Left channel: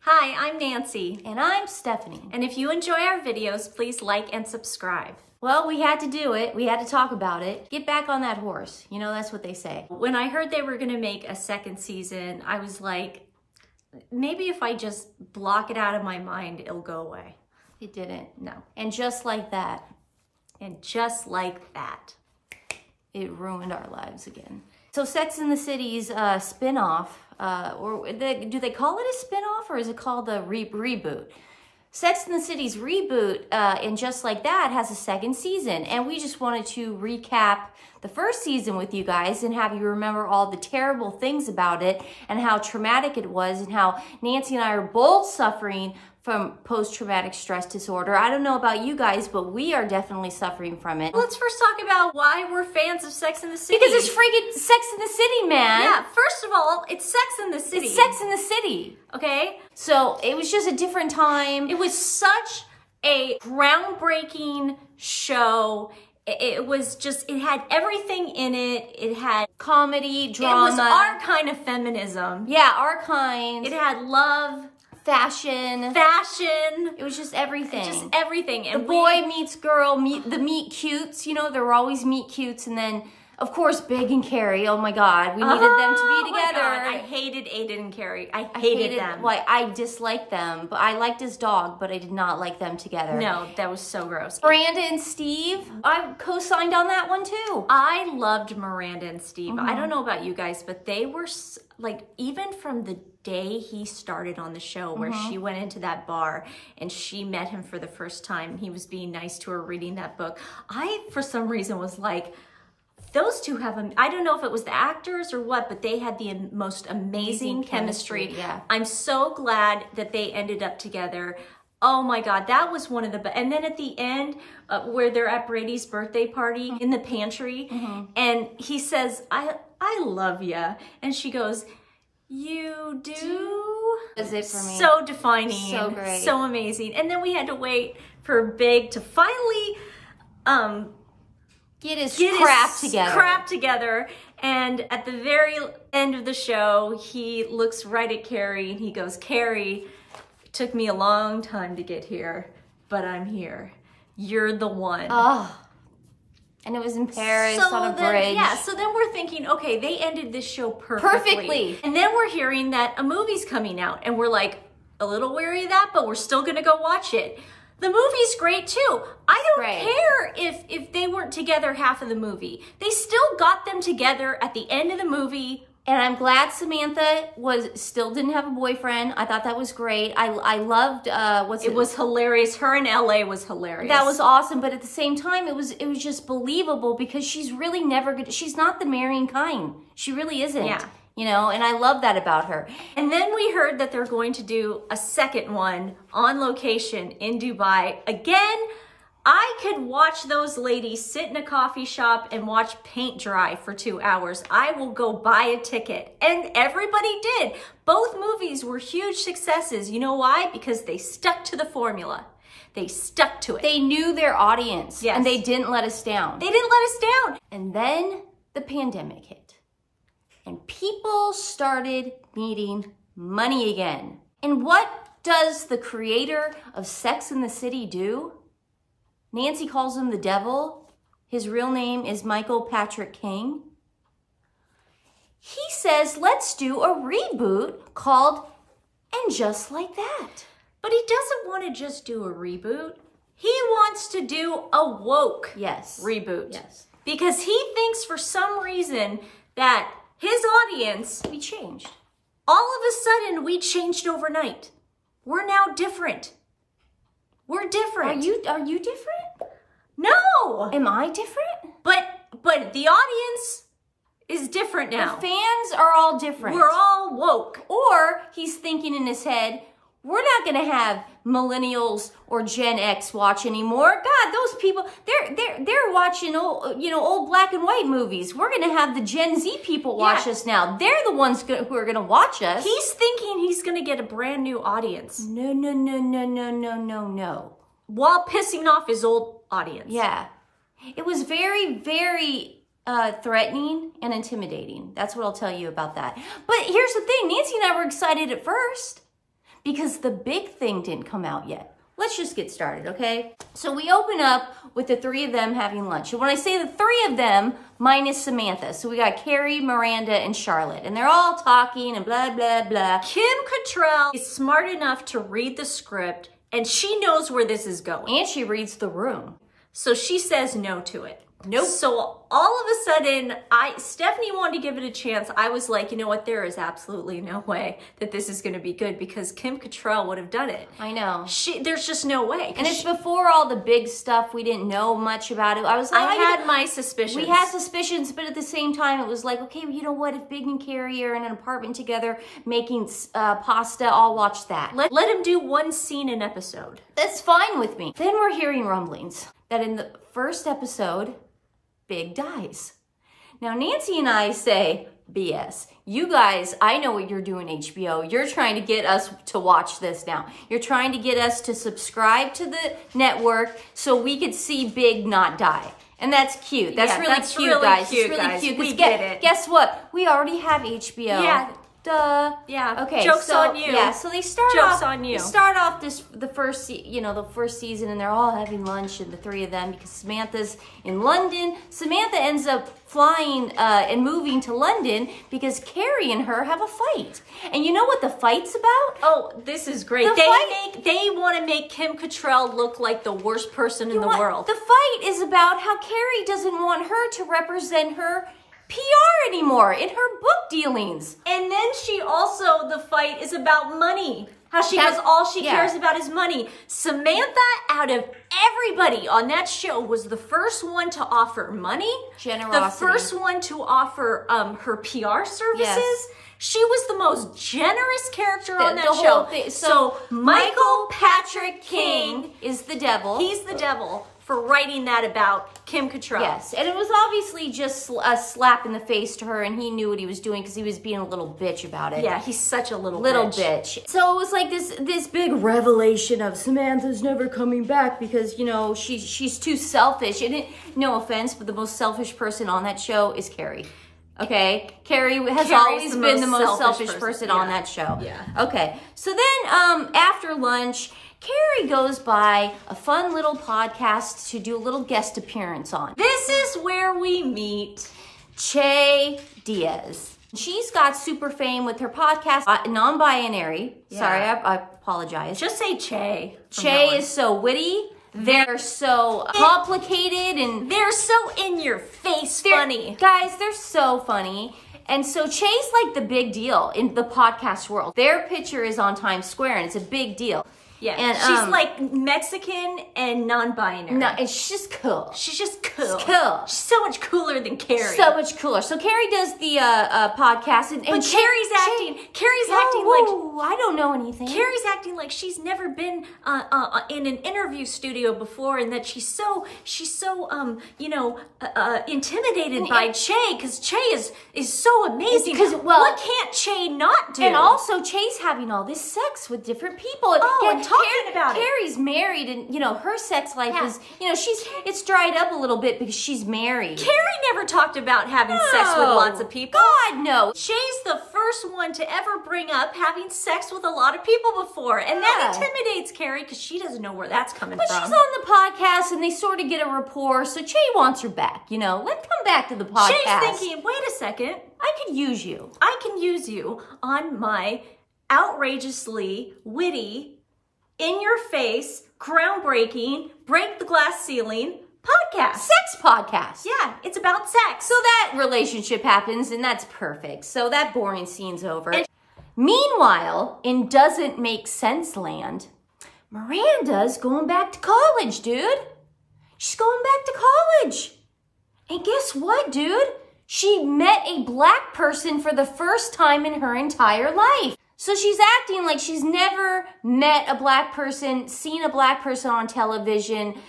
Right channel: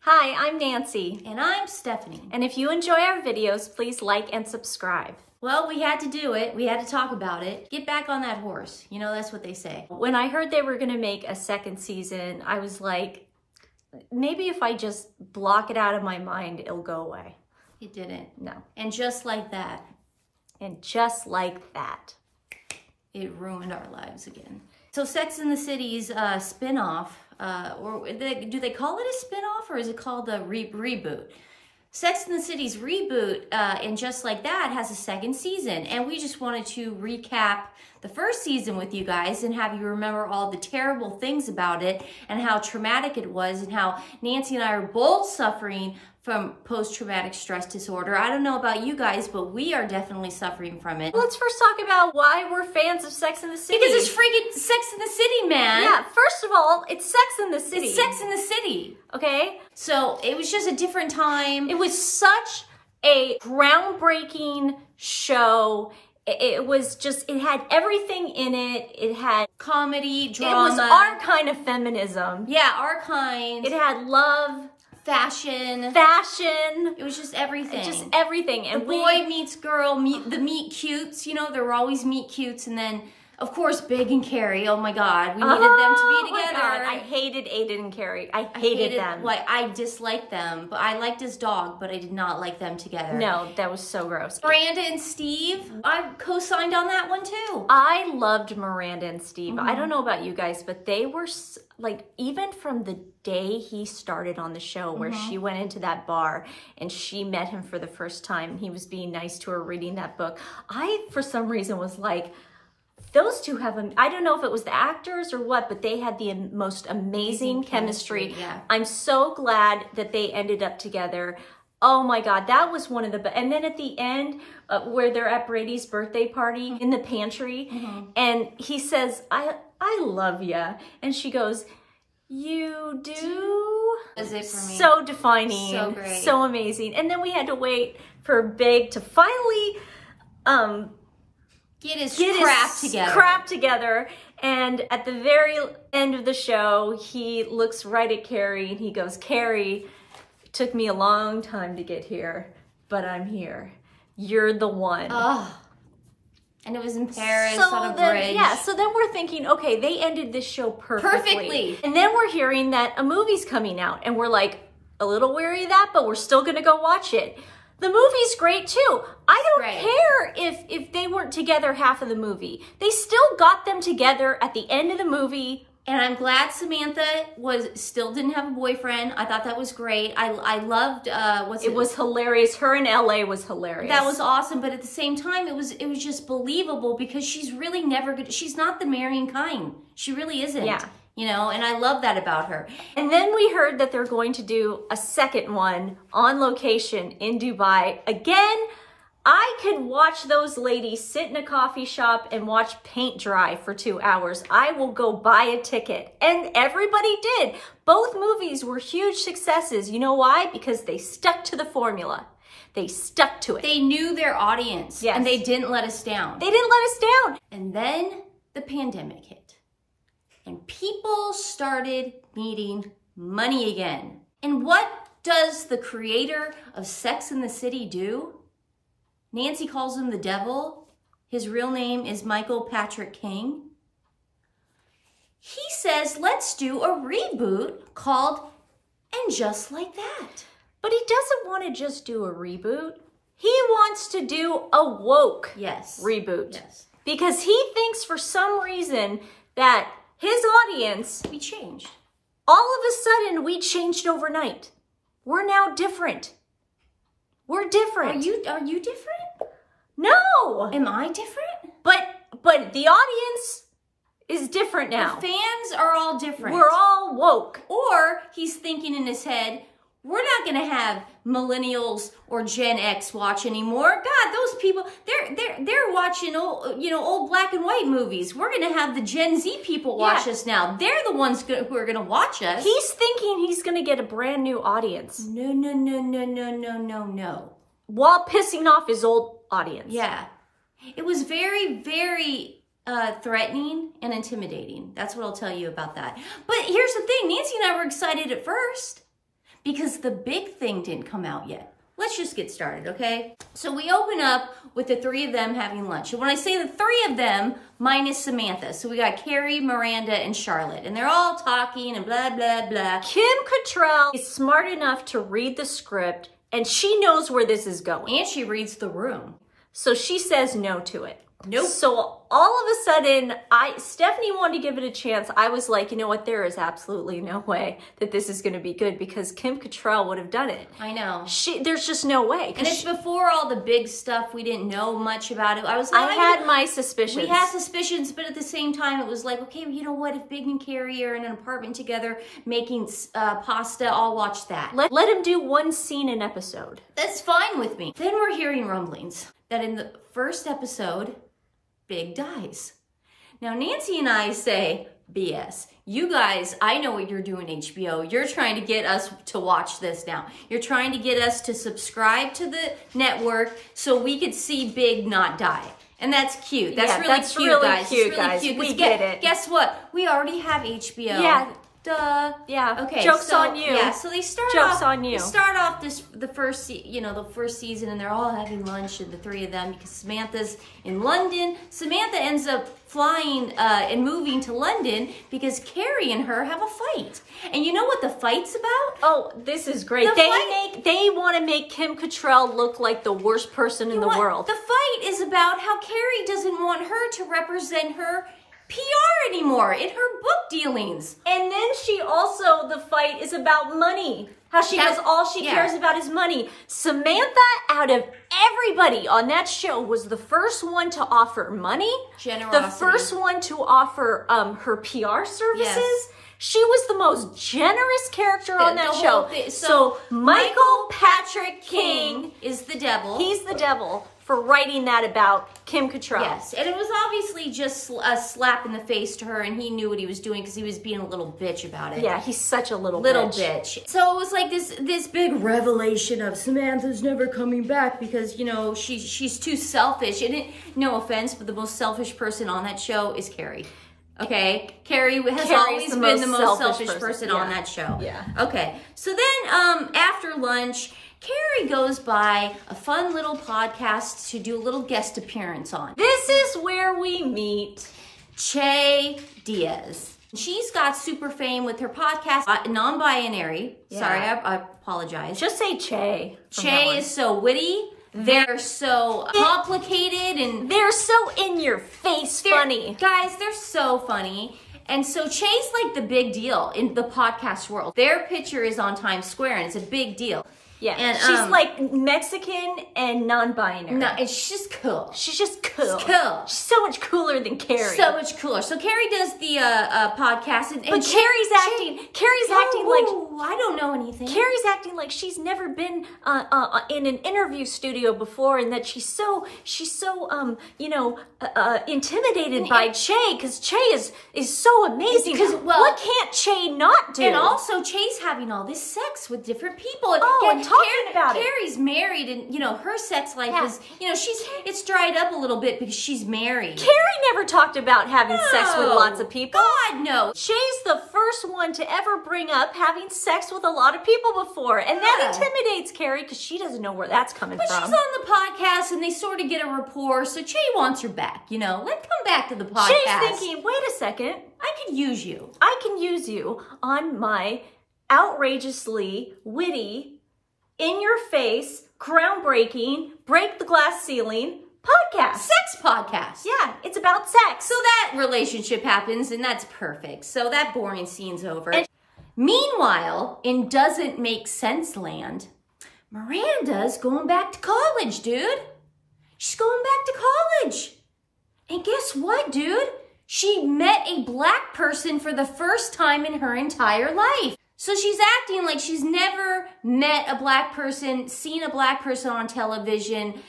Hi, I'm Nancy. And I'm Stephanie. And if you enjoy our videos, please like and subscribe. Well, we had to do it. We had to talk about it. Get back on that horse. You know, that's what they say. When I heard they were going to make a second season, I was like, maybe if I just block it out of my mind, it'll go away. It didn't. No. And just like that. And just like that. It ruined our lives again. So Sex and the City's spin-off, do they call it a spin-off or is it called a reboot? Sex and the City's reboot, and Just Like That, has a second season. And we just wanted to recap the first season with you guys and have you remember all the terrible things about it and how traumatic it was and how Nancy and I are both suffering from post-traumatic stress disorder. I don't know about you guys, but we are definitely suffering from it. Let's first talk about why we're fans of Sex and the City. Because it's freaking Sex and the City, man. Yeah, first of all, it's Sex and the City. It's Sex and the City. Okay? So it was just a different time. It was such a groundbreaking show. It was just, it had everything in it. It had comedy, drama. It was our kind of feminism. Yeah, our kind. It had love. Fashion. It was just everything. Just everything. And the boy meets girl, the meet cutes. You know, there were always meet cutes. And then, of course, Big and Carrie. Oh my God. We needed them to be together. Oh my God. I hated Aiden and Carrie. I hated them. Well, I disliked them. But I liked his dog, but I did not like them together. No, that was so gross. Miranda and Steve. I co-signed on that one too. I loved Miranda and Steve. I don't know about you guys, but they were like, even from the day he started on the show where she went into that bar and she met him for the first time and he was being nice to her reading that book. I, for some reason, was like, those two have, I don't know if it was the actors or what, but they had the most amazing chemistry. Yeah. I'm so glad that they ended up together. Oh my God, that was one of the best. And then at the end, where they're at Brady's birthday party in the pantry, and he says, I love ya. And she goes, you do? Is it for me? So defining, so great, so amazing. And then we had to wait for Big to finally get his crap together. And at the very end of the show, he looks right at Carrie and he goes, Carrie, it took me a long time to get here, but I'm here. You're the one. Oh. And it was in Paris on a bridge. Yeah, so then we're thinking, okay, they ended this show perfectly. And then we're hearing that a movie's coming out and we're like a little weary of that, but we're still gonna go watch it. The movie's great too. I don't care if they weren't together half of the movie. They still got them together at the end of the movie. And I'm glad Samantha still didn't have a boyfriend. I thought that was great. I loved it was hilarious. Her in LA was hilarious. That was awesome, but at the same time it was just believable because she's really never good. She's not the marrying kind. She really isn't. Yeah. You know, and I love that about her. And then we heard that they're going to do a second one on location in Dubai. Again, I could watch those ladies sit in a coffee shop and watch paint dry for 2 hours. I will go buy a ticket. And everybody did. Both movies were huge successes. You know why? Because they stuck to the formula. They stuck to it. They knew their audience. Yes. And they didn't let us down. They didn't let us down. And then the pandemic hit. And people started needing money again. And what does the creator of Sex and the City do? Nancy calls him the devil. His real name is Michael Patrick King. He says, let's do a reboot called And Just Like That. But he doesn't want to just do a reboot. He wants to do a woke reboot. Yes. Because he thinks for some reason that his audience, we changed. All of a sudden, we changed overnight. We're now different. We're different. Are you different? No. Am I different? But the audience is different now. The fans are all different. We're all woke. Or he's thinking in his head, we're not going to have millennials or Gen X watch anymore. God, those people, they're watching old black and white movies. We're going to have the Gen Z people watch us now. They're the ones who are going to watch us. He's thinking he's going to get a brand new audience. No. While pissing off his old audience. Yeah. It was very, very threatening and intimidating. That's what I'll tell you about that. But here's the thing, Nancy and I were excited at first because the big thing didn't come out yet. Let's just get started, okay? So we open up with the three of them having lunch. And when I say the three of them, minus Samantha. So we got Carrie, Miranda, and Charlotte. And they're all talking and blah, blah, blah. Kim Cattrall is smart enough to read the script, and she knows where this is going. And she reads the room. So she says no to it. Nope. So all of a sudden, Stephanie wanted to give it a chance. I was like, you know what? There is absolutely no way that this is going to be good because Kim Cattrall would have done it. I know. There's just no way. And it's before all the big stuff. We didn't know much about it. I had my suspicions. We had suspicions, but at the same time, it was like, okay, you know what? If Big and Carrie are in an apartment together making pasta, I'll watch that. Let him do one scene an episode. That's fine with me. Then we're hearing rumblings that in the first episode, Big dies. Now, Nancy and I say, BS. You guys, I know what you're doing, HBO. You're trying to get us to watch this now. You're trying to get us to subscribe to the network so we could see Big not die. And that's cute. That's really cute, guys. We get it. Guess what? We already have HBO. Yeah. Duh. Yeah. Okay. Joke's on you. Yeah. So they start Joke's off. on you. They start off the first season, and they're all having lunch, and the three of them, because Samantha's in London. Samantha ends up flying and moving to London because Carrie and her have a fight. And you know what the fight's about? Oh, this is great. They want to make Kim Cattrall look like the worst person in the world. The fight is about how Carrie doesn't want her to represent her PR anymore in her book dealings. And then the fight is about money. How she goes, all she cares about is money. Samantha, out of everybody on that show, was the first one to offer money. Generosity. The first one to offer her PR services. Yes. She was the most generous character on that show. So Michael Patrick King is the devil. He's the devil for writing that about Kim Cattrall. Yes, and it was obviously just a slap in the face to her, and he knew what he was doing because he was being a little bitch about it. Yeah, he's such a little bitch. So it was like this big revelation of Samantha's never coming back because, you know, she's too selfish. And no offense, but the most selfish person on that show is Carrie. Okay, Carrie has always been the most selfish person on that show. Yeah. Okay, so then after lunch, Carrie goes by a fun little podcast to do a little guest appearance on. This is where we meet Che Diaz. She's got super fame with her podcast, Non-Binary. Yeah. Sorry, I apologize. Just say Che. Che is so witty. They're so complicated and they're so in your face funny. Guys, they're so funny. And so Che's like the big deal in the podcast world. Their picture is on Times Square and it's a big deal. Yeah, and she's like Mexican and non-binary. No, and she's just cool. She's just cool. She's cool. She's so much cooler than Carrie. So much cooler. So Carrie does the podcast, and Carrie's acting like I don't know anything. Carrie's acting like she's never been in an interview studio before, and that she's so intimidated by Che because Che is so amazing. What can't Che not do? And also Che's having all this sex with different people. And talking about it. Carrie's married, and you know her sex life is, you know, it's dried up a little bit because she's married. Carrie never talked about having sex with lots of people. God, no. Che's the first one to ever bring up having sex with a lot of people before, and that intimidates Carrie because she doesn't know where that's coming from. But she's on the podcast, and they sort of get a rapport, so Che wants her back. You know, let's come back to the podcast. Che's thinking, wait a second, I could use you. I can use you on my outrageously witty, in your face, groundbreaking, break the glass ceiling podcast. Sex podcast. Yeah, it's about sex. So that relationship happens, and that's perfect. So that boring scene's over. And meanwhile, in Doesn't Make Sense land, Miranda's going back to college, dude. She's going back to college. And guess what, dude? She met a black person for the first time in her entire life. So she's acting like she's never met a black person, seen a black person on television,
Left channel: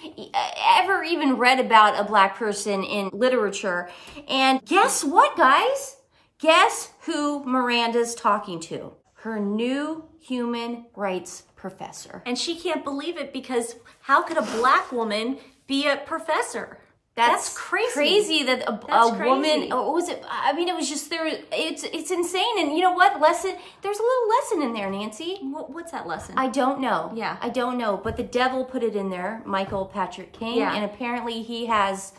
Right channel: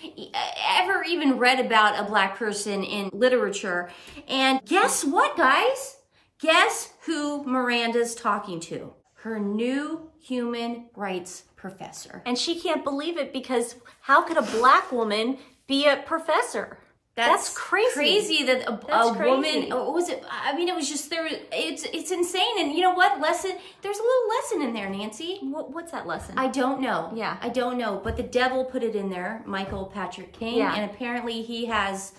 ever even read about a black person in literature. And guess what, guys? Guess who Miranda's talking to? Her new human rights professor. And she can't believe it because how could a black woman be a professor? That's crazy. Crazy that a woman, what was it? I mean, it was just there. It's insane. And you know what? There's a little lesson in there, Nancy. What's that lesson? I don't know. Yeah. I don't know. But the devil put it in there, Michael Patrick King. Yeah. And apparently he has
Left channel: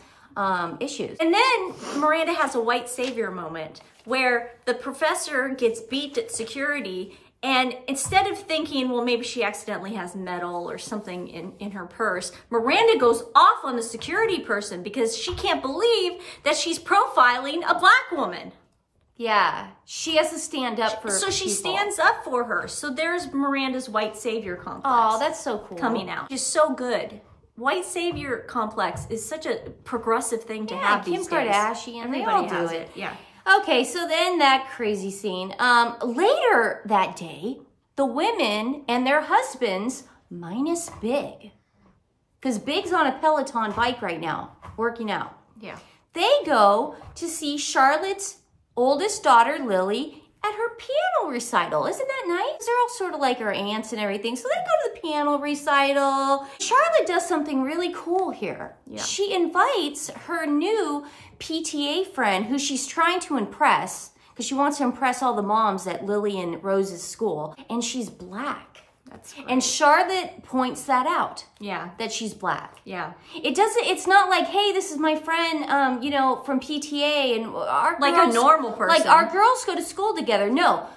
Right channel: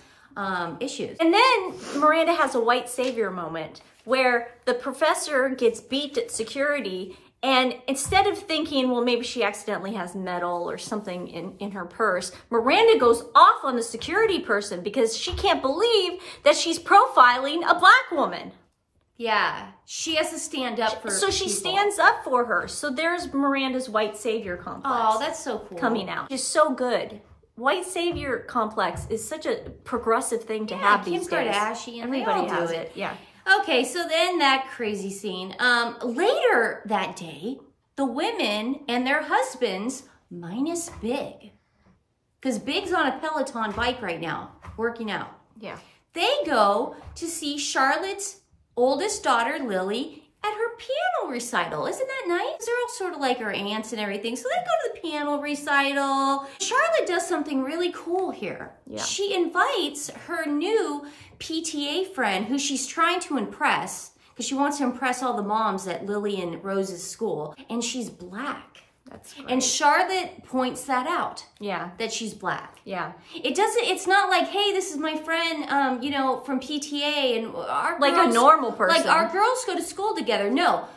issues. And then Miranda has a white savior moment where the professor gets beat at security. And instead of thinking, well, maybe she accidentally has metal or something in her purse, Miranda goes off on the security person because she can't believe that she's profiling a black woman. Yeah, she has to stand up for So she people. stands up for her. So there's Miranda's white savior complex. Oh, that's so cool. Coming out. It's so good. White savior complex is such a progressive thing to have these days. Kardashian, Everybody they all has do it. Yeah. Okay, so then that crazy scene. Later that day, the women and their husbands, minus Big, because Big's on a Peloton bike right now, working out. Yeah. They go to see Charlotte's oldest daughter, Lily, at her piano recital. Isn't that nice? They're all sort of like her aunts and everything. So they go to the piano recital. Charlotte does something really cool here. Yeah. She invites her new PTA friend who she's trying to impress because she wants to impress all the moms at Lily and Rose's school. And she's black. That's great. And Charlotte points that out. Yeah. That she's black. Yeah. It's not like, hey, this is my friend, you know, from PTA and our Like girls, a normal person. Like our girls go to school together. No,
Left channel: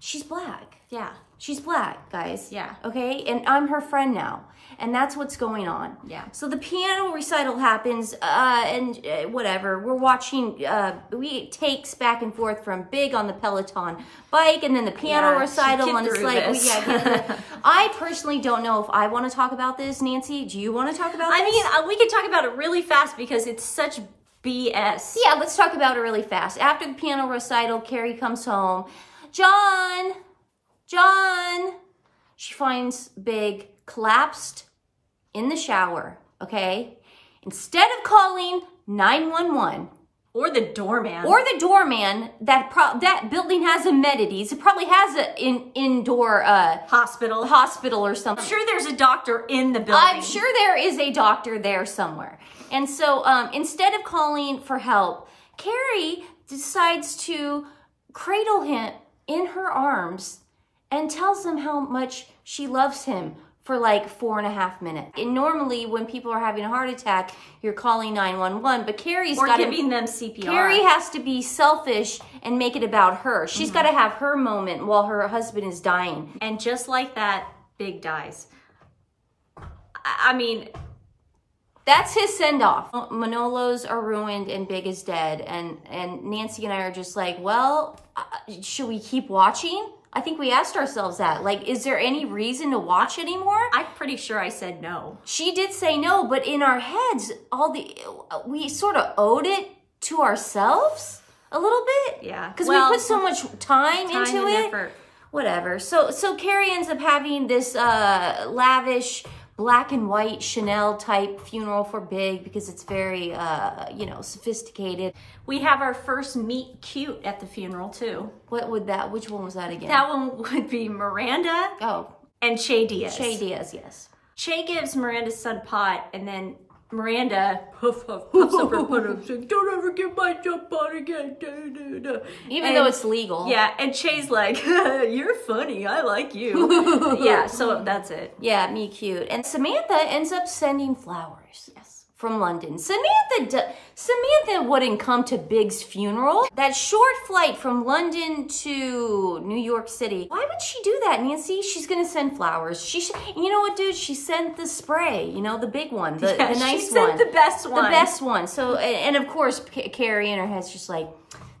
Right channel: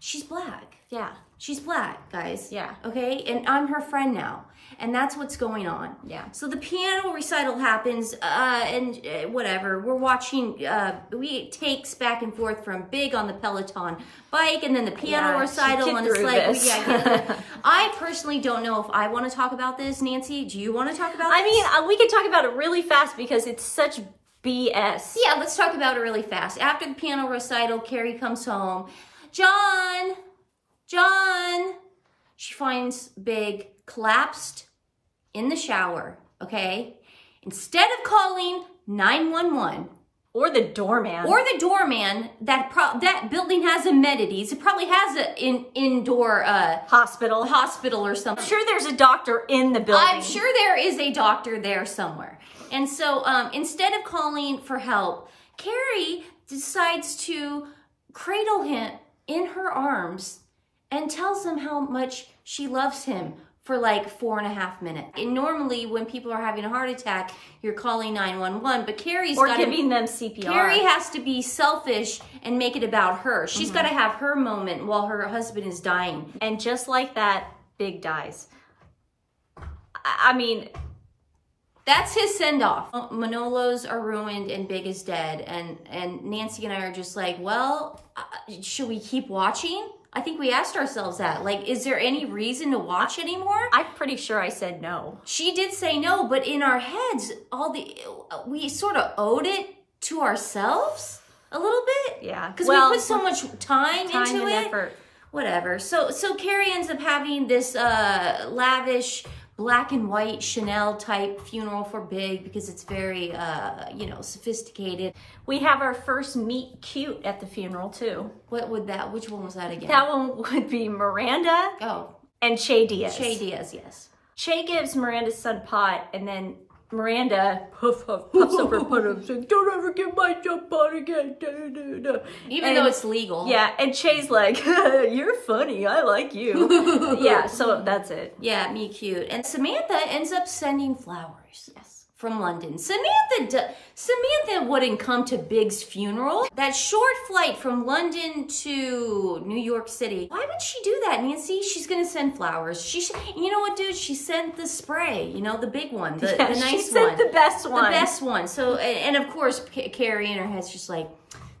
she's black. Yeah. She's black, guys. Yeah. Okay. And I'm her friend now. And that's what's going on. Yeah. So the piano recital happens, and whatever. We're watching, we takes back and forth from Big on the Peloton bike, and then the piano recital on the sled. I personally don't know if I want to talk about this, Nancy. Do you want to talk about this? I mean, we can talk about it really fast because it's such BS. Yeah, let's talk about it really fast. After the piano recital, Carrie comes home. John, she finds Big collapsed in the shower, okay? Instead of calling 911 or the doorman, that building has amenities. It probably has an indoor hospital or something. I'm sure there's a doctor in the building. I'm sure there is a doctor there somewhere. And so instead of calling for help, Carrie decides to cradle him in her arms and tells him how much she loves him for like 4.5 minutes. And normally when people are having a heart attack, you're calling 911, but Carrie's giving them CPR. Carrie has to be selfish and make it about her. She's got to have her moment while her husband is dying. And just like that, Big dies. I mean, that's his send-off. Manolos are ruined and Big is dead. And Nancy and I are just like, well, should we keep watching? I think we asked ourselves that. Like, is there any reason to watch anymore? I'm pretty sure I said no. She did say no, but in our heads, we sort of owed it to ourselves a little bit. Yeah. Because we put so much time into and it. Effort. Whatever. So Carrie ends up having this lavish black and white Chanel type funeral for Big because it's very, you know, sophisticated. We have our first meet cute at the funeral too. Which one was that again? That one would be Miranda and Che Diaz. Che Diaz, yes. Che gives Miranda's son pot, and then Miranda puffs up her pot and says, don't ever get my jump pot again. Even though it's legal. Yeah, and Che's like, you're funny, I like you. Yeah, so that's it. Yeah, me cute. And Samantha ends up sending flowers. Yes. From London. Samantha wouldn't come to Big's funeral. That short flight from London to New York City. Why would she do that, Nancy? She's gonna send flowers. You know what, dude? She sent the spray, you know, the big one, the nice one. She sent the best one. The best one. So, and of course, Carrie in her head's just like,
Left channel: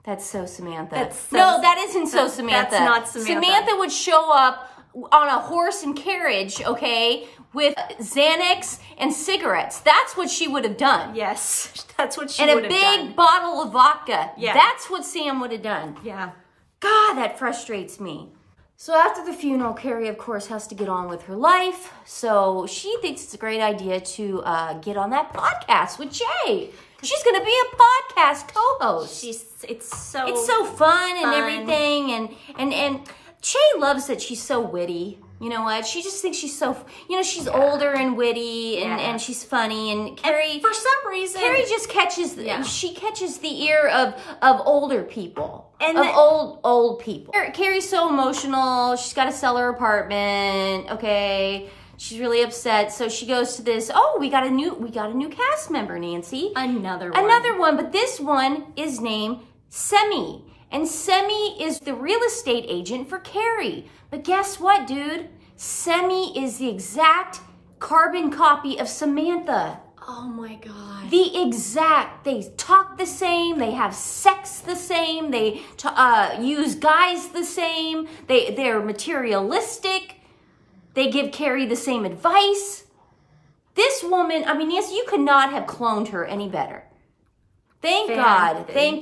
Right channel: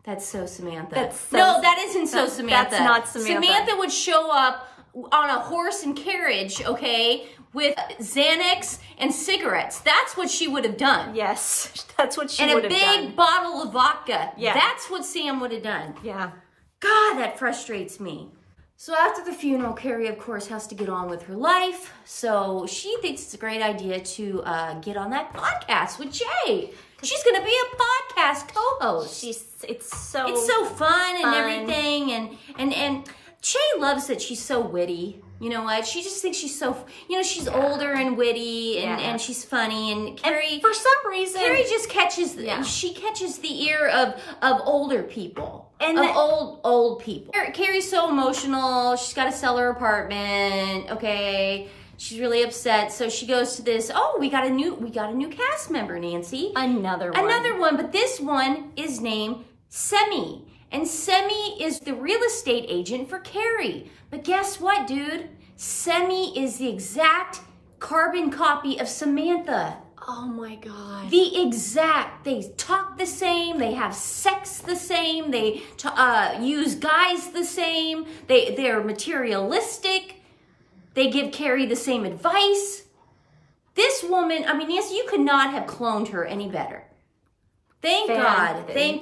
that's so Samantha. No, that isn't so Samantha. That's not Samantha. Samantha would show up on a horse and carriage, okay, with Xanax and cigarettes. That's what she would have done. Yes, that's what she would have done. And a big bottle of vodka. Yeah. That's what Sam would have done. Yeah. God, that frustrates me. So after the funeral, Carrie, of course, has to get on with her life. So she thinks it's a great idea to get on that podcast with Che. She's going to be a podcast co-host. It's so fun and everything. And Che loves that she's so witty. You know what? She just thinks she's so, you know, she's older and witty and she's funny. And Carrie, and for some reason, Carrie just catches, she catches the ear of older people. And of old people. Carrie's so emotional. She's got to sell her apartment. Okay. She's really upset. So she goes to this, oh, we got a new cast member, Nancy. Another one. But this one is named Semi. And Semi is the real estate agent for Carrie. But guess what, dude? Semi is the exact carbon copy of Samantha. Oh my God. They talk the same, they have sex the same, they use guys the same, they're materialistic, they give Carrie the same advice. This woman, I mean, yes, you could not have cloned her any better. Thank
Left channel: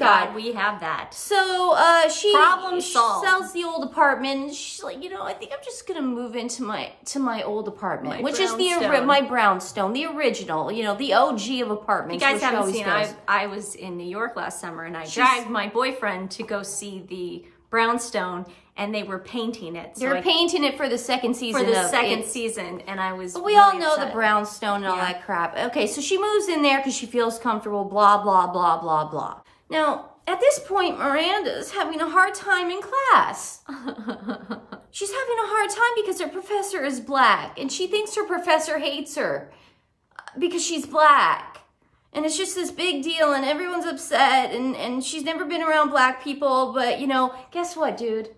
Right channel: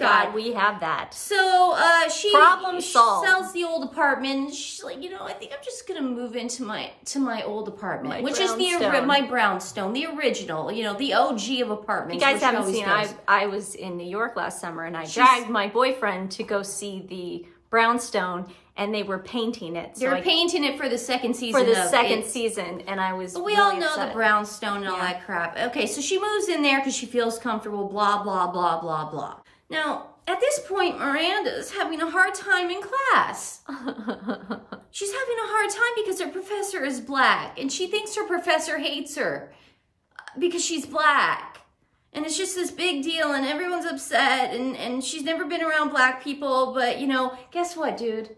God we have that. So she solved. Sells the old apartment. She's like, you know, I think I'm just gonna move into my old apartment, which is my brownstone, the original, you know, the OG of apartments. You guys haven't seen. I was in New York last summer, and I dragged my boyfriend to go see the brownstone, and they were painting it. So they're painting it for the second season. And I was. But we all know the brownstone and all that crap. Okay, so she moves in there because she feels comfortable. Blah blah blah blah blah. Now at this point, Miranda's having a hard time in class. She's having a hard time because her professor is black, and she thinks her professor hates her because she's black. And it's just this big deal, and everyone's upset, and she's never been around black people, but, you know, guess what, dude?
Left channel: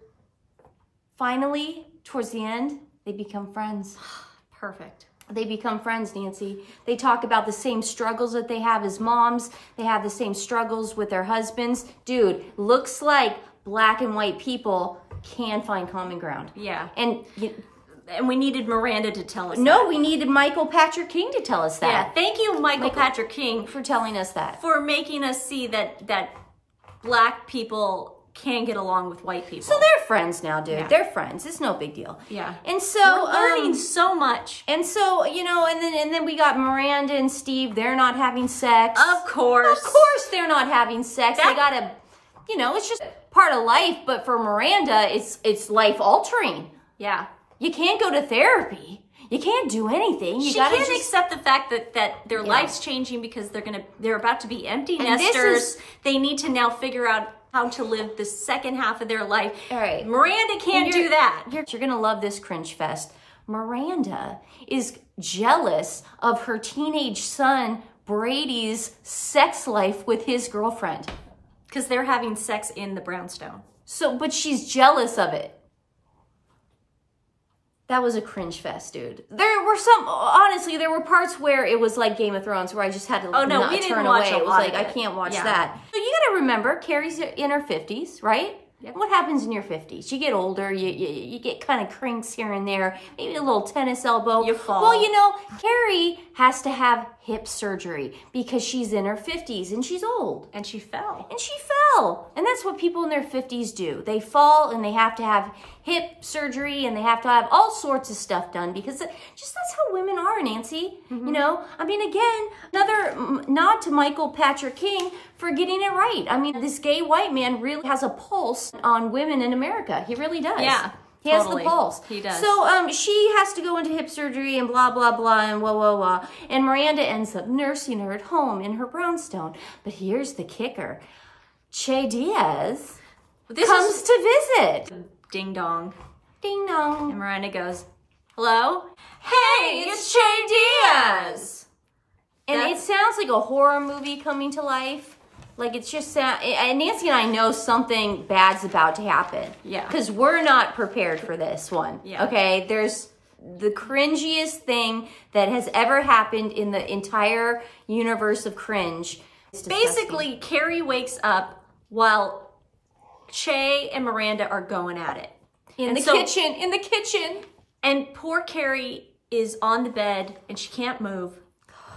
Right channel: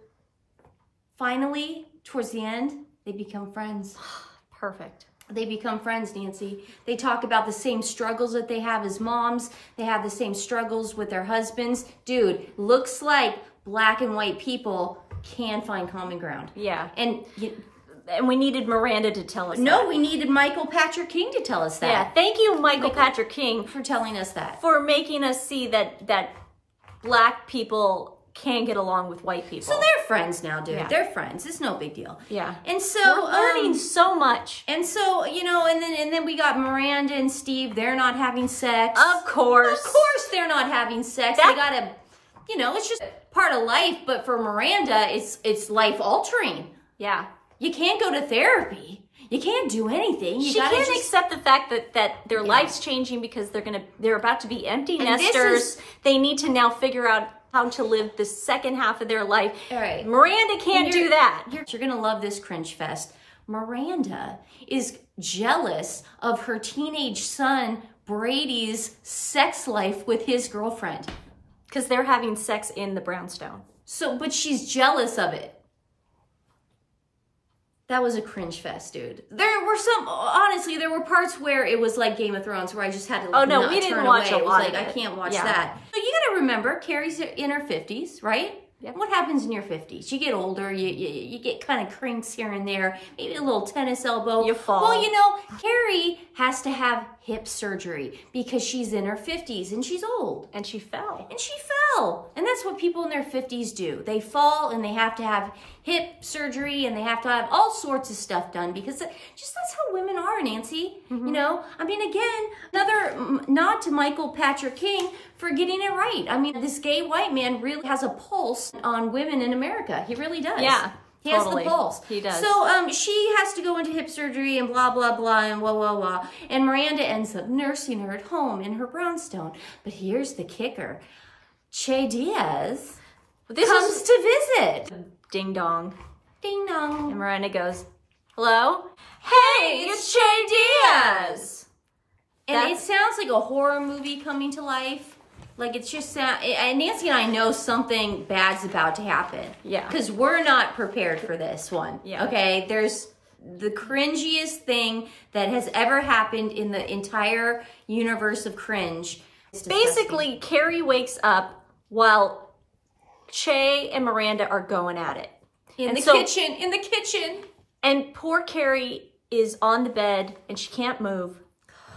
Finally, towards the end, they become friends. Perfect. They become friends, Nancy. They talk about the same struggles that they have as moms. They have the same struggles with their husbands. Dude, looks like black and white people can find common ground. Yeah. And we needed Miranda to tell us that. No, we needed Michael Patrick King to tell us that. Yeah, thank you, Michael Patrick King. For telling us that. For making us see that black people can get along with white people. So they're friends now, dude. Yeah. They're friends. It's no big deal. Yeah. And so... we're learning so much. And so, you know, and then we got Miranda and Steve. They're not having sex. Of course. Of course they're not having sex. They gotta... You know, it's just part of life. But for Miranda, it's life-altering. Yeah. You can't go to therapy. You can't do anything. She can't accept the fact that their life's changing because they're about to be empty nesters. They need to now figure out how to live the second half of their life. All right. Miranda can't do that. You're gonna love this cringe fest. Miranda is jealous of her teenage son Brady's sex life with his girlfriend. Because they're having sex in the brownstone. So, but she's jealous of it. That was a cringe fest, dude. There were parts where it was like Game of Thrones, where I just had to like, no, we didn't watch a lot of it. I can't watch that. So you gotta remember, Carrie's in her 50s, right? Yep. What happens in your 50s? You get older, you get kind of crinks here and there, maybe a little tennis elbow. You fall. Well, you know, Carrie has to have hip surgery because she's in her 50s and she's old. And she fell. And that's what people in their 50s do. They fall and they have to have hip surgery and they have to have all sorts of stuff done because that's how women are, Nancy. You know, I mean, again, another nod to Michael Patrick King for getting it right. I mean, this gay white man really has a pulse on women in America. He really does. Yeah. He has the pulse. He does. So she has to go into hip surgery and blah, blah, blah, and wah, wah, wah. And Miranda ends up nursing her at home in her brownstone. But here's the kicker. Che Diaz comes to visit. Ding dong. Ding dong. And Miranda goes, hello? Hey, it's Che Diaz. And it sounds like a horror movie coming to life. Like it's just, Nancy and I know something bad's about to happen. Yeah. Because we're not prepared for this one. Yeah. Okay, there's the cringiest thing that has ever happened in the entire universe of cringe. Basically, Carrie wakes up while Che and Miranda are going at it. In the kitchen. And poor Carrie is on the bed and she can't move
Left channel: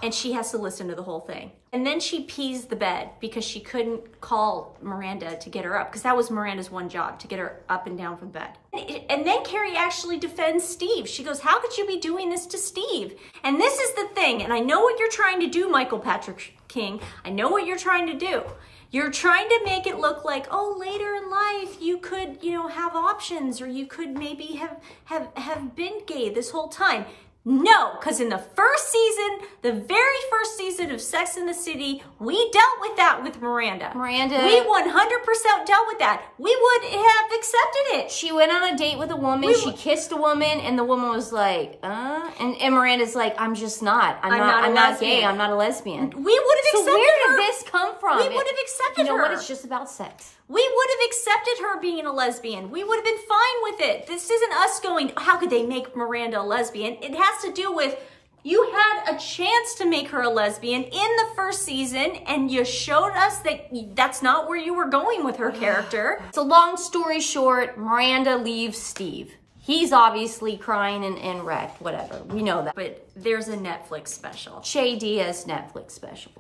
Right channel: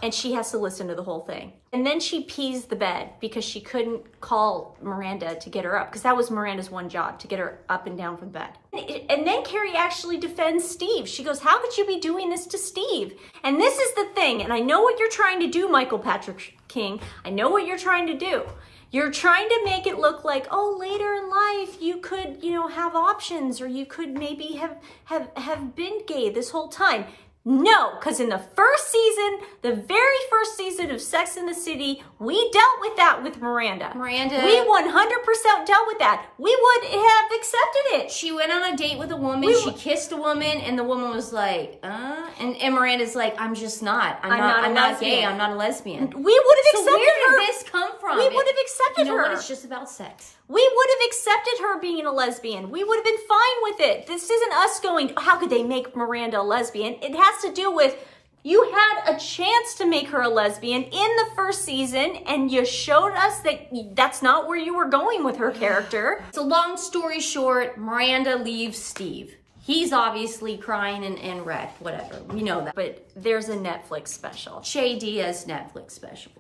and she has to listen to the whole thing. And then she pees the bed because she couldn't call Miranda to get her up because that was Miranda's one job, to get her up and down from bed. And then Carrie actually defends Steve. She goes, how could you be doing this to Steve? And this is the thing, and I know what you're trying to do, Michael Patrick King. I know what you're trying to do. You're trying to make it look like, oh, later in life you could, you know, have options, or you could maybe have been gay this whole time. No, because in the first season, the very first season of Sex and the City, we dealt with that with Miranda. We 100% dealt with that. We would have accepted it. She went on a date with a woman, she kissed a woman, and the woman was like, and Miranda's like, I'm just not. I'm not gay, I'm not a lesbian. We would have accepted her. So where did this come from? We would have accepted her. You know what? It's just about sex. We would have accepted her being a lesbian. We would have been fine with it. This isn't us going, how could they make Miranda a lesbian? It has to do with, you had a chance to make her a lesbian in the first season, and you showed us that that's not where you were going with her character. So long story short, Miranda leaves Steve. He's obviously crying and wrecked, whatever. We know that. But there's a Netflix special. Che Diaz Netflix special.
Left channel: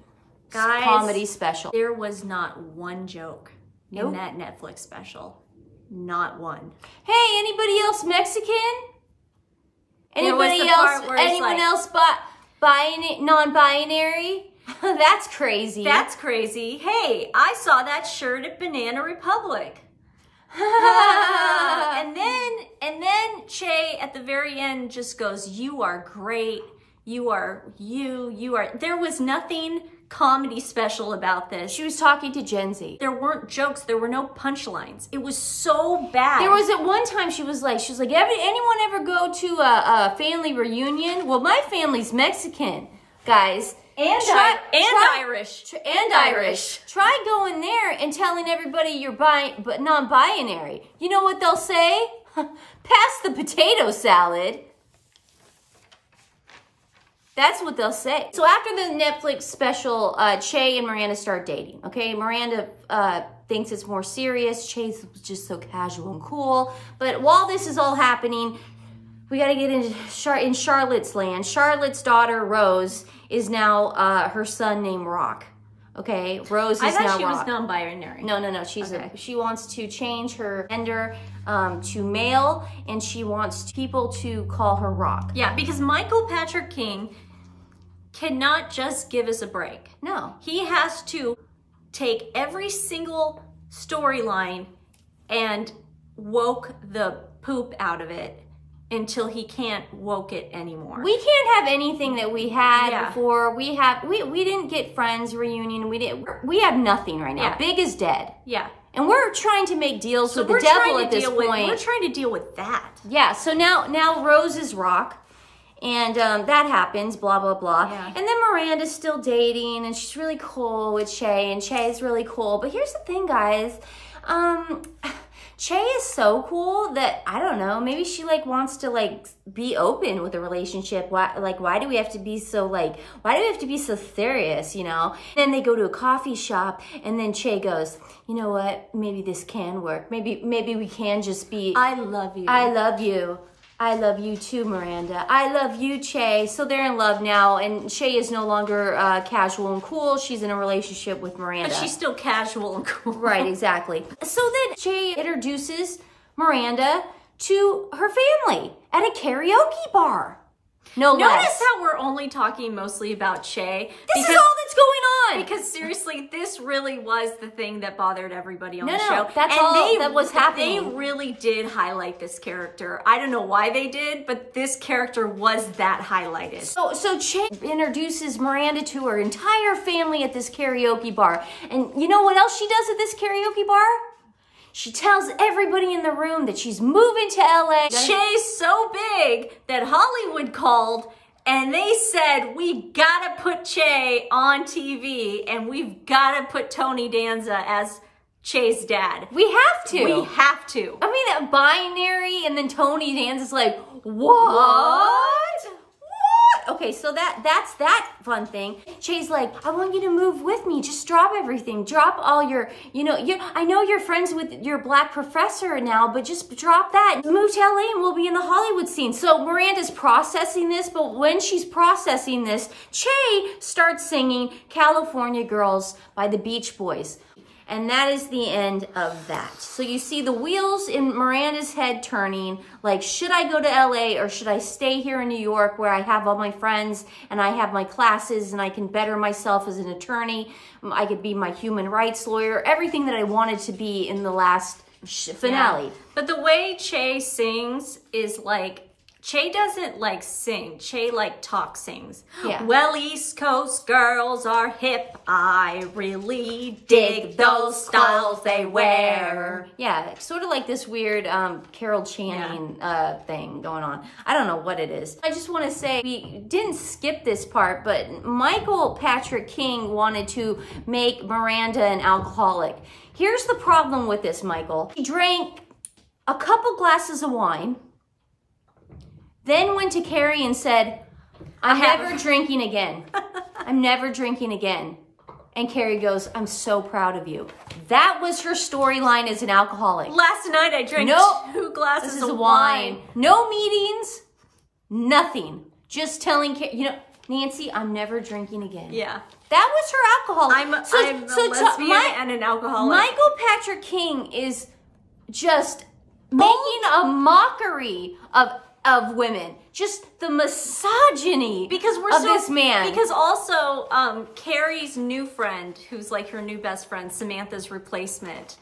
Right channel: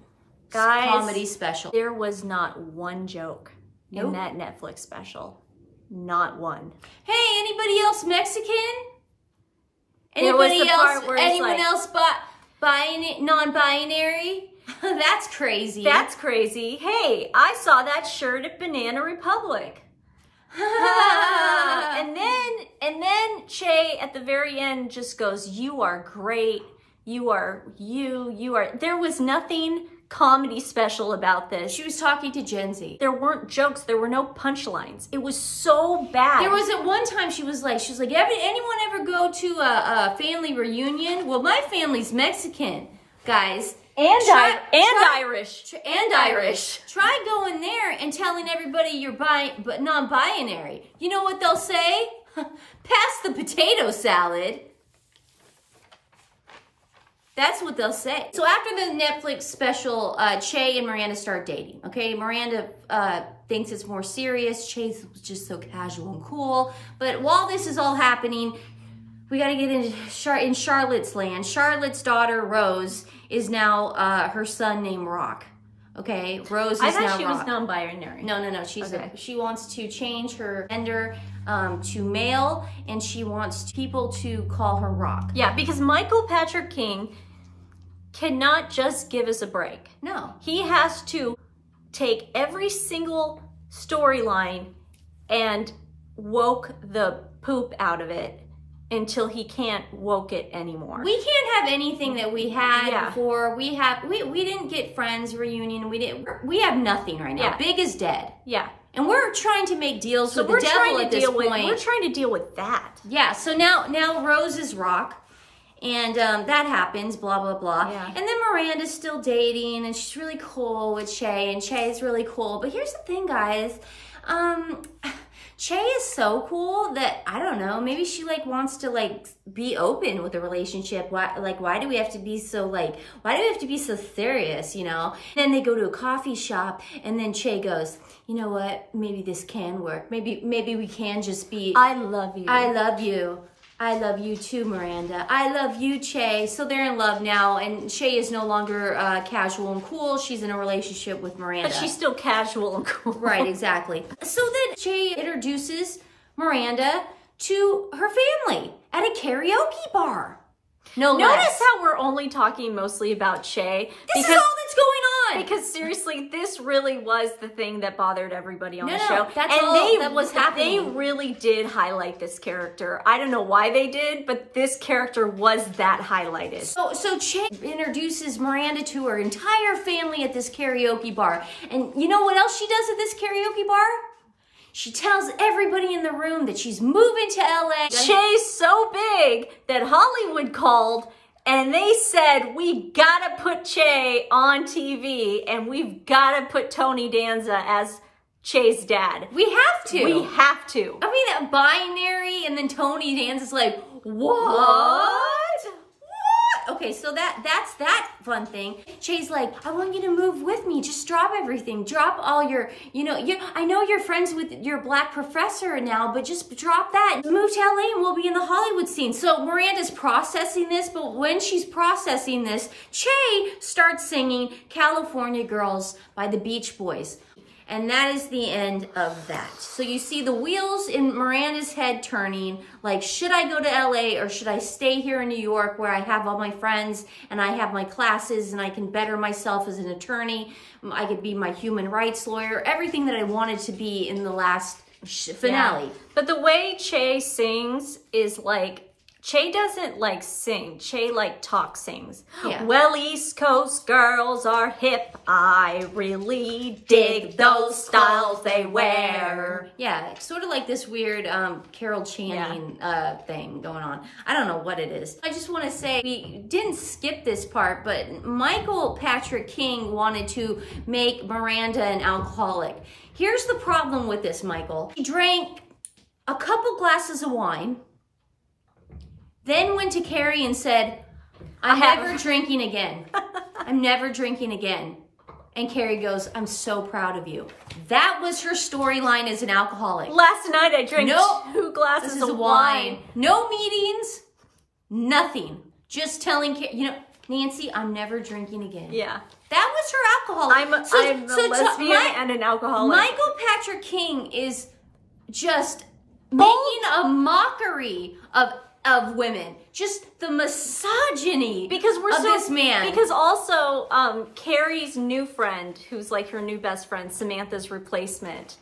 Guys, comedy special. There was not one joke in that Netflix special. Not one. Hey, anybody else Mexican? Anybody there was the part where it's anyone else non-binary? That's crazy. That's crazy. Hey, I saw that shirt at Banana Republic. and then Che at the very end just goes, you are great. You are. There was nothing comedy special about this. She was talking to Gen Z. There weren't jokes. There were no punchlines. It was so bad. There was at one time she was like, anyone ever go to a family reunion? Well, my family's Mexican, guys. Irish. Try going there and telling everybody you're but non-binary. You know what they'll say? Pass the potato salad. That's what they'll say. So after the Netflix special, Che and Miranda start dating, okay? Miranda thinks it's more serious. Che's just so casual and cool. But while this is all happening, we got to get in Charlotte's land. Charlotte's daughter, Rose, is now her son named Rock. Okay, Rose is now Rock. I thought she was non-binary. No. She wants to change her gender to male, and she wants people to call her Rock. Yeah, because Michael Patrick King cannot just give us a break. No. He has to take every single storyline and woke the poop out of it until he can't woke it anymore. We can't have anything that we had before. We didn't get Friends reunion. We have nothing right now. Yeah. Big is dead. Yeah. And we're trying to make deals with the devil at this point. We're trying to deal with that. Yeah, so now Rose is Rock. And that happens, blah, blah, blah. Yeah. And then Miranda's still dating, and she's really cool with Che, and Che's really cool. But here's the thing, guys. Che is so cool that, I don't know, maybe she, wants to, be open with a relationship. Why do we have to be so, why do we have to be so serious, you know? Then they go to a coffee shop, and then Che goes, you know what? Maybe this can work. Maybe we can just be... I love you. I love you. I love you too, Miranda. I love you, Che. So they're in love now, and Che is no longer casual and cool. She's in a relationship with Miranda. But she's still casual and cool. Right, exactly. So then Che introduces Miranda to her family at a karaoke bar. Notice how we're only talking mostly about Che. This is all that's going on. Because seriously, this really was the thing that bothered everybody on the show. That's all that was happening. They really did highlight this character. I don't know why they did, but this character was that highlighted. So Che introduces Miranda to her entire family at this karaoke bar. And you know what else she does at this karaoke bar? She tells everybody in the room that she's moving to LA. Che's so big that Hollywood called and they said, we gotta put Che on TV and we've gotta put Tony Danza as Che's dad. We have to. We have to. I mean, that binary and then Tony Danza's like, what? Okay, so that's that fun thing. Che's like, I want you to move with me. Just drop everything. Drop all your, I know you're friends with your black professor now, but just drop that. Move to LA and we'll be in the Hollywood scene. So Miranda's processing this, but when she's processing this, Che starts singing California Girls by the Beach Boys. And that is the end of that. So you see the wheels in Miranda's head turning, like, should I go to LA or should I stay here in New York where I have all my friends and I have my classes and I can better myself as an attorney? I could be my human rights lawyer, everything that I wanted to be in the last finale. Yeah. But the way Che sings is like, Che doesn't like sing. Che like talk sings. Yeah. Well, East Coast girls are hip. I really dig those styles they wear. Yeah, it's sort of like this weird Carol Channing thing going on. I don't know what it is. I just want to say, we didn't skip this part, but Michael Patrick King wanted to make Miranda an alcoholic. Here's the problem with this, Michael. He drank a couple glasses of wine, then went to Carrie and said, I'm never drinking again. I'm never drinking again. And Carrie goes, I'm so proud of you. That was her storyline as an alcoholic. Last night I drank 2 glasses of wine. No meetings, nothing. Just telling Carrie, you know, Nancy, I'm never drinking again. Yeah. That was her alcohol. I'm a lesbian and an alcoholic. Michael Patrick King is just making a mockery of women. Just the misogyny because we're of this man. Because also, Carrie's new friend, who's like her new best friend, Samantha's replacement,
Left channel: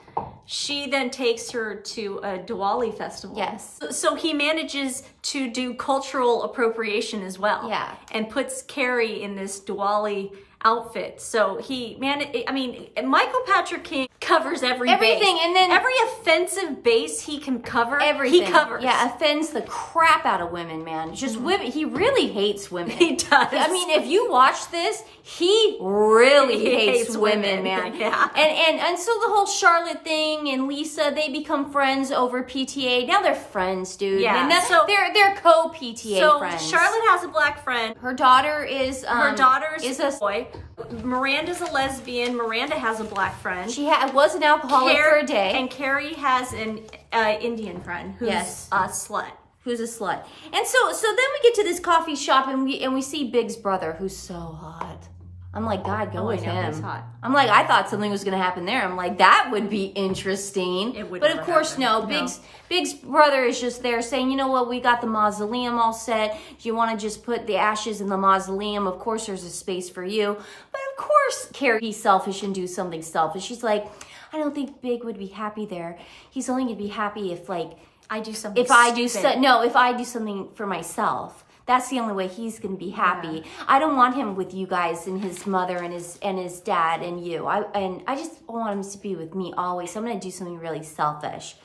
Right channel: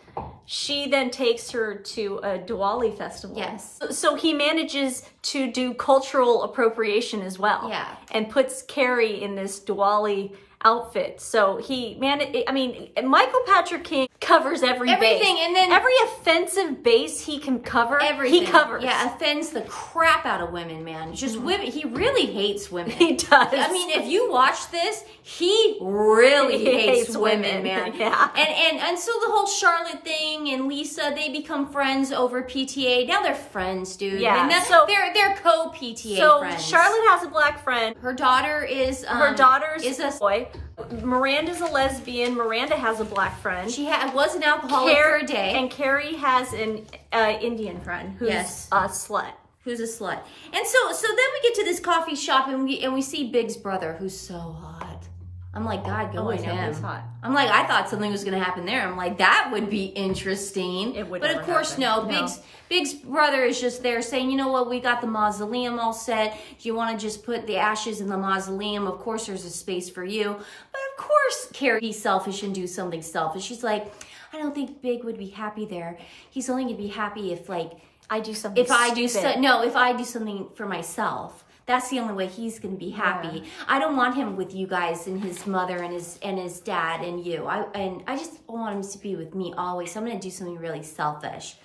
she then takes her to a Diwali festival. Yes. So he manages to do cultural appropriation as well. Yeah. And puts Carrie in this Diwali outfit. So Michael Patrick King covers everything, base. And then every offensive base he can cover, everything. He covers. Yeah, offends the crap out of women, man. Just women. He really hates women. He does. I mean, if you watch this, he really hates women, man. Yeah. And so the whole Charlotte thing and Lisa, they become friends over PTA. Now they're friends, dude. Yeah. And so they're co-PTA friends. So Charlotte has a black friend. Her daughter is is a boy. Miranda's a lesbian. Miranda has a black friend. She was an alcoholic for a day. And Carrie has an Indian friend who's a slut. Who's a slut. And so then we get to this coffee shop and we see Big's brother, who's so hot. I'm like, God, go with him. He's hot. I'm like, I thought something was going to happen there. I'm like, that would be interesting. It would But never of course, happen. no. Big's brother is just there saying, you know what, we got the mausoleum all set. Do you want to just put the ashes in the mausoleum? Of course, there's a space for you. But of course, Carrie, he's selfish and do something selfish. She's like, I don't think Big would be happy there. He's only going to be happy if, like, I do something if I do something for myself. That's the only way he's going to be happy. Yeah. I don't want him with you guys and his mother and his dad and you. I just want him to be with me always. So I'm going to do something really selfish.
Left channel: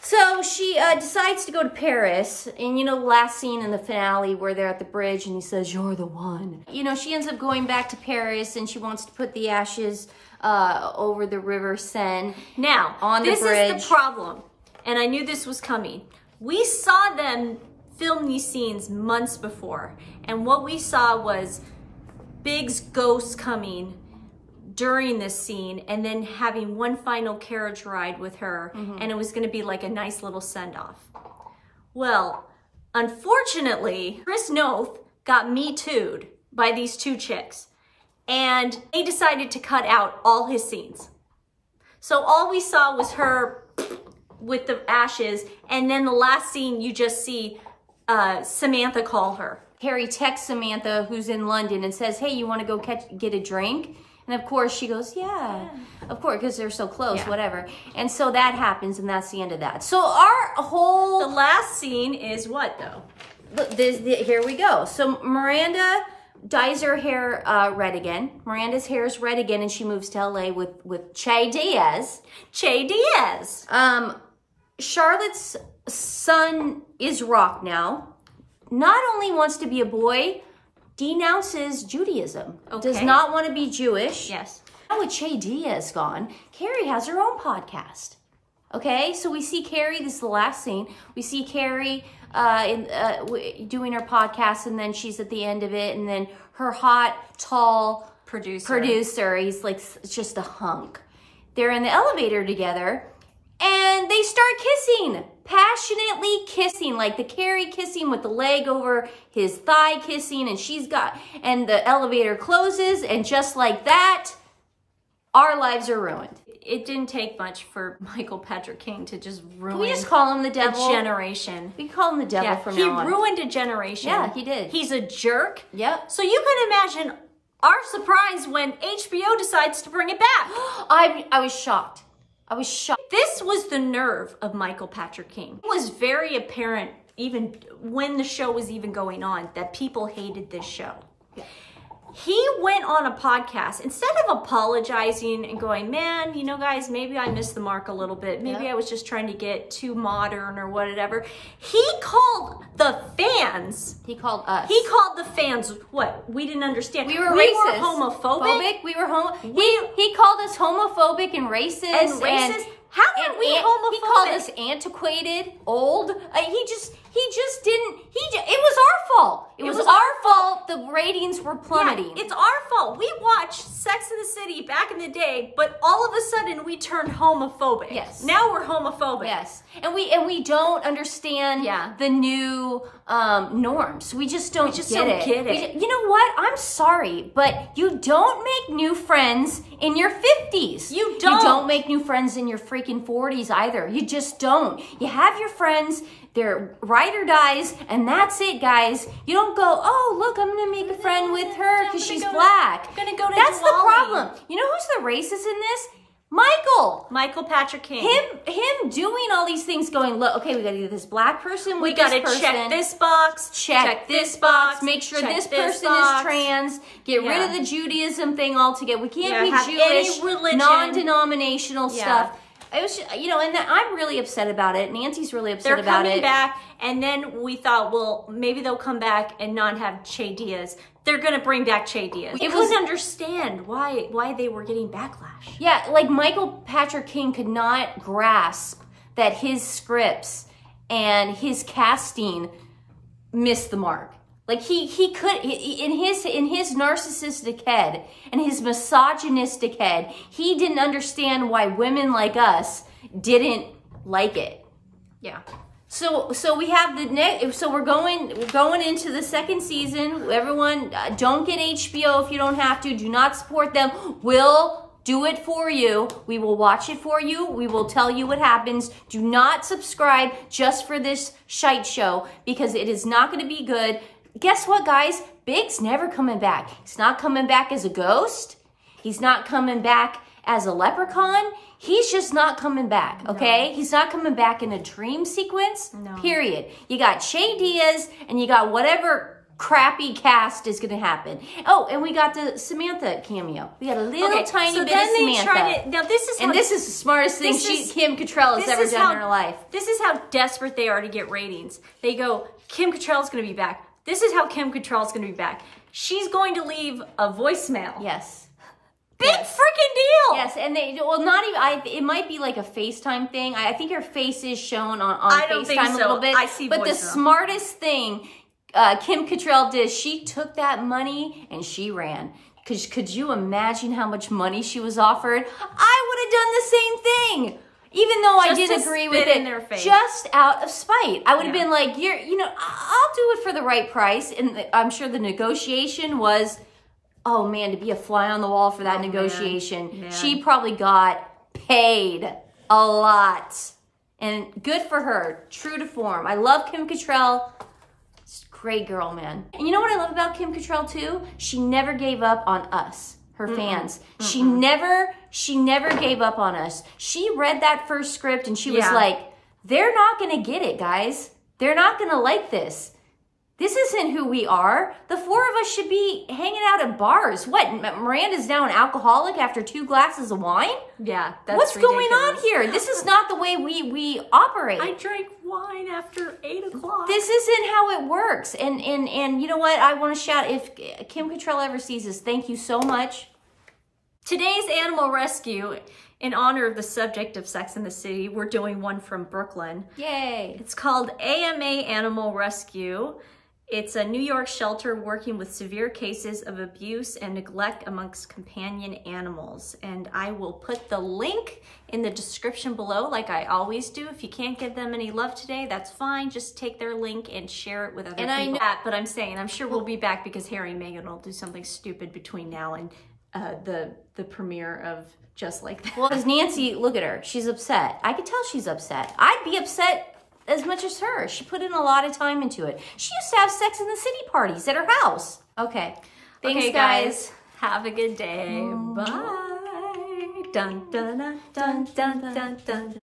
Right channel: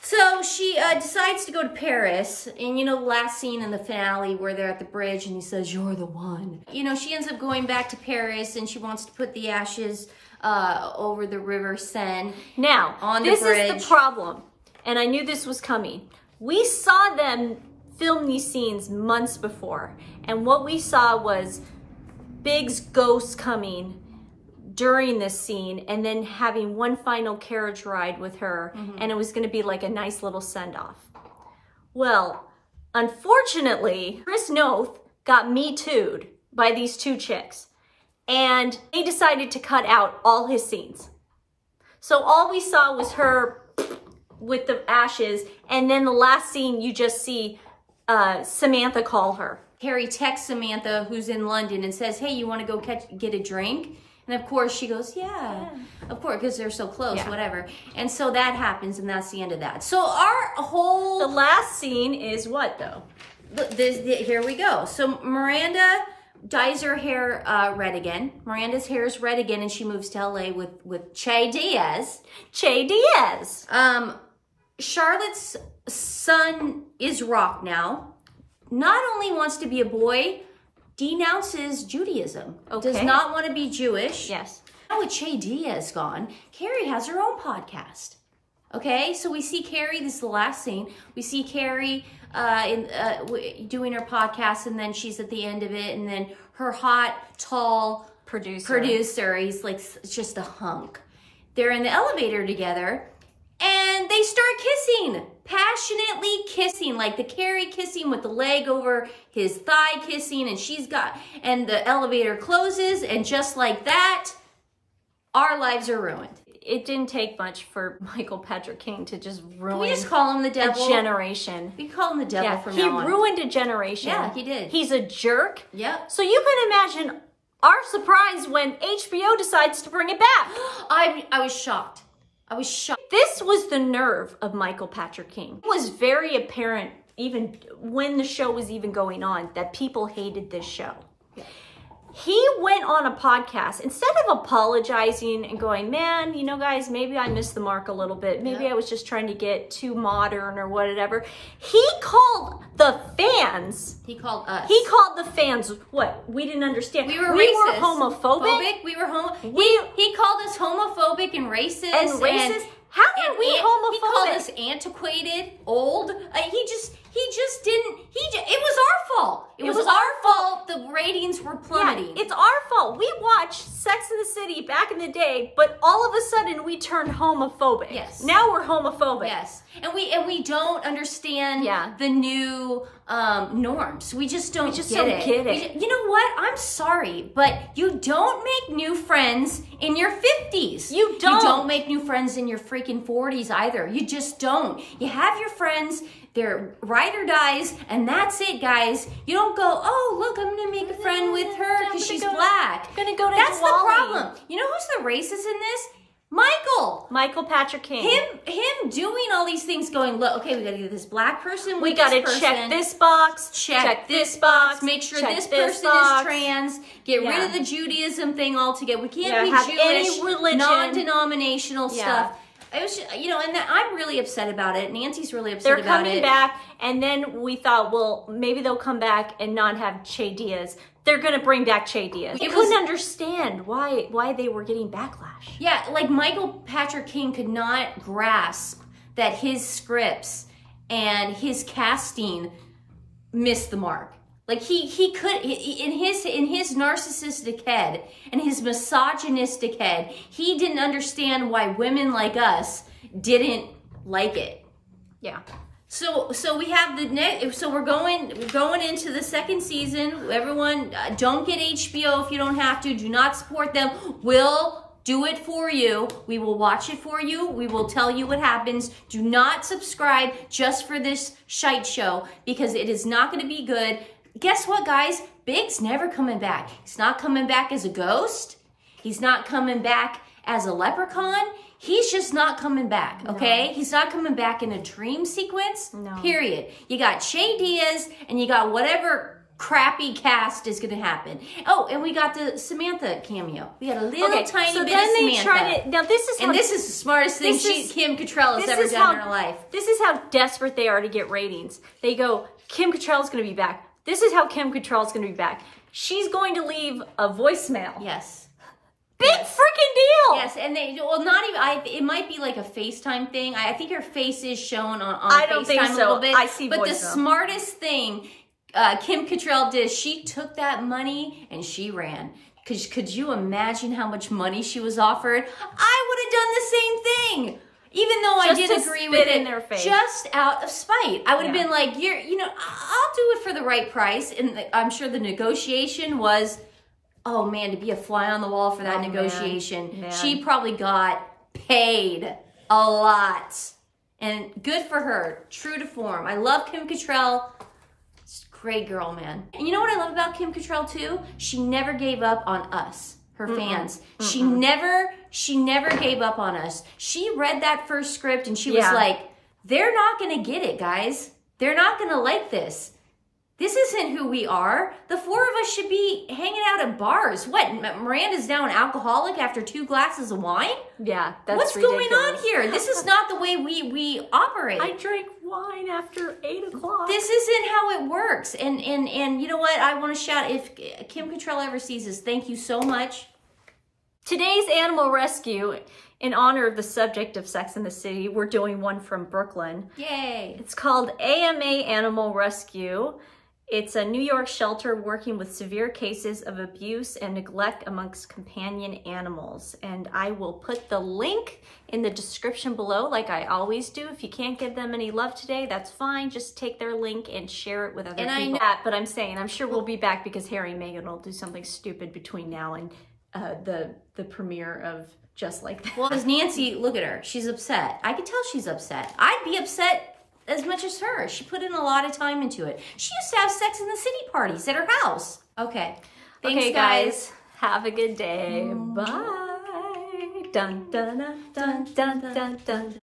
So she decides to go to Paris. And, you know, last scene in the finale where they're at the bridge and he says, you're the one. You know, she ends up going back to Paris and she wants to put the ashes over the River Seine. Now, on the bridge. This is the problem. And I knew this was coming. We saw them film these scenes months before. And what we saw was Big's ghost coming during this scene and then having one final carriage ride with her. And it was going to be like a nice little send-off. Well, unfortunately, Chris Noth got Me Too'd by these 2 chicks. And they decided to cut out all his scenes. So all we saw was her with the ashes. And then the last scene, you just see Samantha call her. Carrie texts Samantha, who's in London, and says, hey, you want to go get a drink? And of course she goes, yeah. Of course, because they're so close, whatever. And so that happens, and that's the end of that. So our whole... The last scene is what, though? Here we go. So Miranda dyes her hair red again. Miranda's hair is red again, and she moves to LA with Che Diaz. Che Diaz. Charlotte's son is Rock now. Not only wants to be a boy, denounces Judaism. Okay. Does not want to be Jewish. Yes. Now with Che Diaz gone, Carrie has her own podcast. Okay, so we see Carrie, this is the last scene, we see Carrie doing her podcast, and then she's at the end of it, and then her hot, tall producer, he's like just a hunk. They're in the elevator together, and they start kissing, passionately kissing, like the Carrie kissing with the leg over his thigh kissing, and the elevator closes, and just like that, our lives are ruined. It didn't take much for Michael Patrick King to just ruin We just call him the devil. a generation. We call him the devil Yeah, from he now on. ruined a generation. Yeah, he did. He's a jerk. Yep. So you can imagine our surprise when HBO decides to bring it back. I was shocked. I was shocked. This was the nerve of Michael Patrick King. It was very apparent even when the show was even going on that people hated this show. Yeah. He went on a podcast, instead of apologizing and going, man, you know, guys, maybe I missed the mark a little bit. Maybe I was just trying to get too modern or whatever. He called the fans. He called us. He called the fans what? We didn't understand. We were homophobic. We were he called us homophobic and racist. And racist? How are we homophobic? He called us antiquated, old. He just didn't. It was our fault. It was our fault. The ratings were plummeting. Yeah, it's our fault. We watched Sex and the City back in the day, but all of a sudden we turned homophobic. Yes. Now we're homophobic. Yes. And we don't understand the new norms. We just don't get it. You know what? I'm sorry, but you don't make new friends in your 50s. You don't. You don't make new friends in your freaking 40s either. You just don't. You have your friends. They're ride or dies, and that's it, guys. You don't go, oh, look, I'm going to make a friend with her because she's black. I'm going to go to That's Diwali. the problem. You know who's the racist in this? Michael Patrick King. Him doing all these things going, look, okay, we got to do this black person We got to check this box. Check this box. Make sure this person is trans. Get rid of the Judaism thing altogether. We can't be have Jewish, any religion. Non-denominational stuff. It was, you know, and I'm really upset about it. Nancy's really upset about it. They're coming back, and then we thought, well, maybe they'll come back and not have Che Diaz. They're going to bring back Che Diaz. We couldn't understand why they were getting backlash. Yeah, like Michael Patrick King could not grasp that his scripts and his casting missed the mark. Like he could, in his narcissistic head and his misogynistic head, he didn't understand why women like us didn't like it. Yeah. So we have the next. So we're going into the second season. Everyone, don't get HBO if you don't have to. Do not support them. We'll do it for you. We will watch it for you. We will tell you what happens. Do not subscribe just for this shite show because it is not going to be good. Guess what, guys? Big's never coming back. He's not coming back as a ghost. He's not coming back as a leprechaun. He's just not coming back, okay? No. He's not coming back in a dream sequence, period. You got Che Diaz, and you got whatever crappy cast is going to happen. Oh, and we got the Samantha cameo. We got a little tiny bit of Samantha. So then they tried it. Now this is how... And this is the smartest thing Kim Cattrall has ever done in her life. This is how desperate they are to get ratings. They go, Kim Cattrall's going to be back. This is how Kim Cattrall's going to be back. She's going to leave a voicemail. Yes. Big freaking deal. Yes, and they, well, not even, it might be like a FaceTime thing. I think her face is shown on I don't FaceTime think so. A little bit. I see But voicemail. the smartest thing Kim Cattrall did, she took that money and she ran. Because could you imagine how much money she was offered? I would have done the same thing. Even though I did agree with it, in their face. Just out of spite. I would have been like, you know, I'll do it for the right price. And I'm sure the negotiation was, oh man, to be a fly on the wall for that negotiation. Man. She probably got paid a lot. And good for her. True to form. I love Kim Cattrall. Great girl, man. And you know what I love about Kim Cattrall too? She never gave up on us, her fans. She never gave up on us. She read that first script and she was like, they're not going to get it, guys. They're not going to like this. This isn't who we are. The four of us should be hanging out at bars. What? Miranda's now an alcoholic after 2 glasses of wine? Yeah, that's What's ridiculous. going on here? This is not the way we operate. I drank wine after 8 o'clock. This isn't how it works. And you know what? I want to shout, if Kim Cattrall ever sees this, thank you so much. Today's animal rescue, in honor of the subject of Sex and the City, we're doing one from Brooklyn. Yay. It's called AMA Animal Rescue. It's a New York shelter working with severe cases of abuse and neglect amongst companion animals. And I will put the link in the description below like I always do. If you can't give them any love today, that's fine. Just take their link and share it with other people. But I'm saying, I'm sure we'll be back because Harry and Meghan will do something stupid between now and the premiere of Just Like That. Well, as Nancy, look at her. She's upset. I could tell she's upset. I'd be upset as much as her. She put in a lot of time into it. She used to have Sex in the City parties at her house. Okay. Thanks, Okay, guys. Have a good day. Bye. Dun, dun, dun, dun, dun, dun, dun.